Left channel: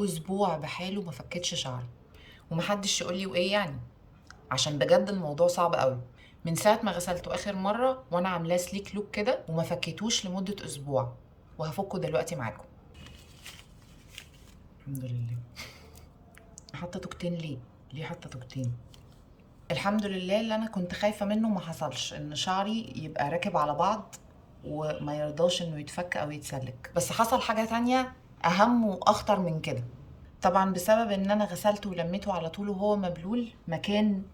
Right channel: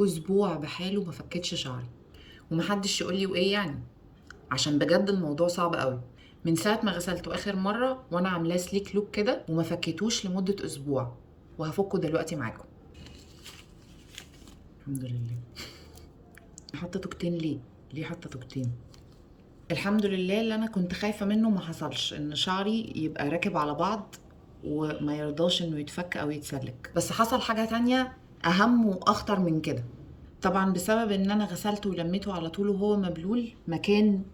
اسبوع بحاله ما فكتش شعري، ومحدش يقول لي وايه يعني، عشان بجد الموضوع صعب قوي. من ساعه ما غسلته اخر مره وانا عاملاه سليك لوك كده وما فكيتوش لمده اسبوع، وهفكه دلوقتي معاكم. الحمد لله. حاطه توكتين ليه حاطه توكتين؟ الحمد لله، اللي انا كنت خايفه منه ما حصلش، ان شعري يبقى راكب على بعض وما يرضاش انه يتفك او يتسلك. بس حصل حاجه تانية اهم واخطر من كده. طبعا بسبب ان انا غسلته ولميته على طول وهو مبلول، مكان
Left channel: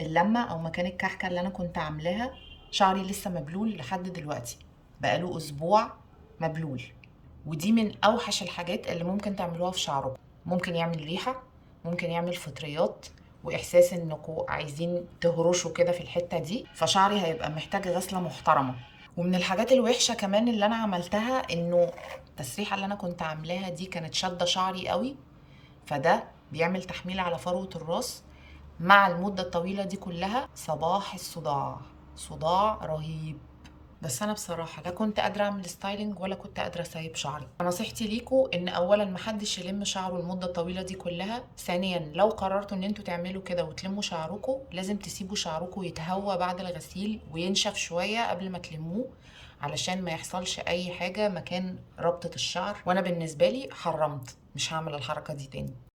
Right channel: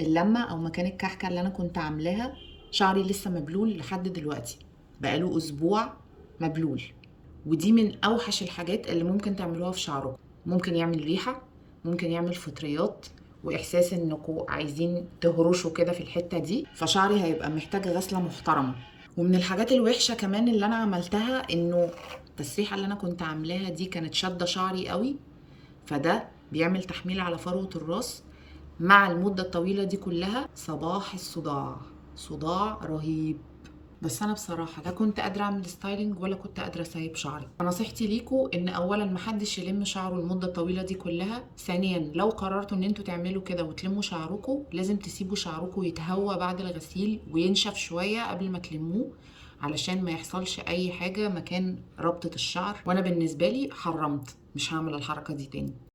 اللمه او مكان الكحكه اللي انا كنت عاملاها شعري لسه مبلول لحد دلوقتي، بقاله اسبوع مبلول. ودي من اوحش الحاجات اللي ممكن تعملوها في شعركم. ممكن يعمل ريحه، ممكن يعمل فطريات، واحساس انكم عايزين تهرشوا كده في الحته دي، فشعري هيبقى محتاج غسله محترمه. ومن الحاجات الوحشه كمان اللي انا عملتها، انه التسريحه اللي انا كنت عاملاها دي كانت شاده شعري قوي، فده بيعمل تحميل على فروة الراس. مع المدة الطويلة دي كلها صباح الصداع، صداع رهيب. بس انا بصراحة لا كنت قادرة اعمل ستايلنج ولا كنت قادرة اسيب شعري. نصيحتي ليكوا ان اولا محدش يلم شعره المدة الطويلة دي كلها. ثانيا، لو قررتوا ان انتوا تعملوا كده وتلموا شعركوا، لازم تسيبوا شعركوا يتهوى بعد الغسيل وينشف شوية قبل ما تلموه، علشان ما يحصلش اي حاجة مكان ربطة الشعر. وانا بالنسبة لي حرمت، مش هعمل الحركة دي تاني.